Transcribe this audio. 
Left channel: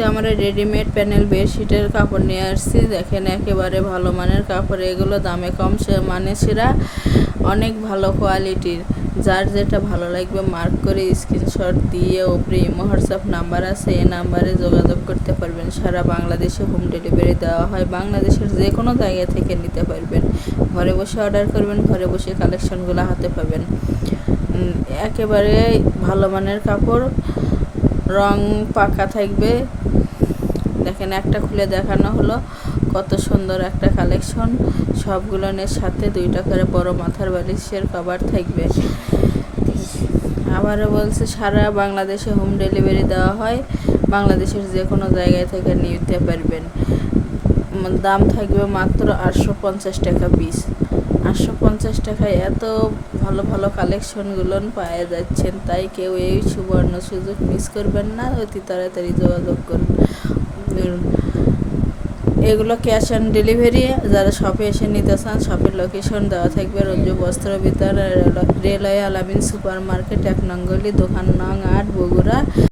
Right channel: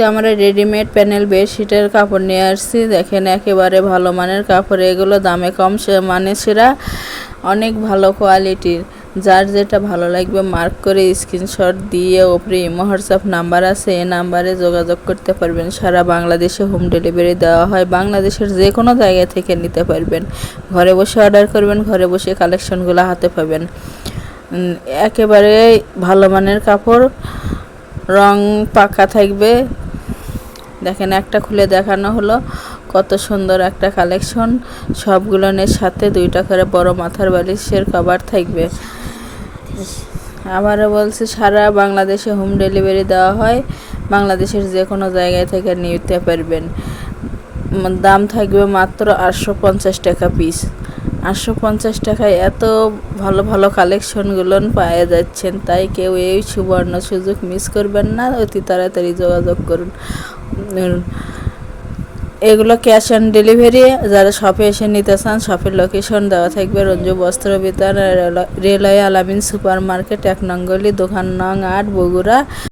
আজকে আমরা readymade panel বেডশিটের কাপড় নিয়ে আসছি। দেখেন একেবারে ভালো মানের কাপড়, এগুলো দামে কম মানে সেরা, অনেক ভালো কোয়ালিটির। যার যেটা ভালো লাগবে মার্ক করে স্ক্রিনশট দিয়ে ওপরে ইমো হোয়াটসঅ্যাপ নাম্বার আছে, এই নাম্বারে যোগাযোগ করতে পারবেন। সারা বাংলাদেশে হোম ডেলিভারি দেওয়া হয়, বাংলাদেশের যে কোনো জায়গা থেকে নিতে পারবেন। ঘরে বসে অর্ডার করবেন, ঘরে বসে কালেকশনগুলো হাতে পাবেন। একেবারে ভালো মানের কাপড়, রং পাকা থাকবে। দেখেন একটা খুলে দেখানো হলো, কত সুন্দর একটা কালেকশন। সবগুলোনের সাথে 2টা করে বড় মাথার বালিশের কভার থাকবে। আবারও বলছি, সারা বাংলাদেশে হোম ডেলিভারি দেওয়া হয়, বাংলাদেশের যে কোনো জায়গায় থেকে নিতে পারবেন। দাম থাকবে মাত্র 850 টাকা পিস। 850 টাকায় এত ভালো ভালো কালেকশনগুলো পাওয়া যাচ্ছেন, তাই কেউ এই সুবর্ণ সুযোগ মিস করবেন না, অতি তাড়াতাড়ি যোগাযোগ করুন। এগুলো ক্যাশ অন ডেলিভারি। যারা শপে এসে নিতে চান, শপের লোকেশন দেওয়া থাকবে রঞ্জু বস্ত্র বিতান, রেলওয়ে আলামিন সুপার মার্কেট, 1 নং গলি, দোকান নং 8, বগুড়া।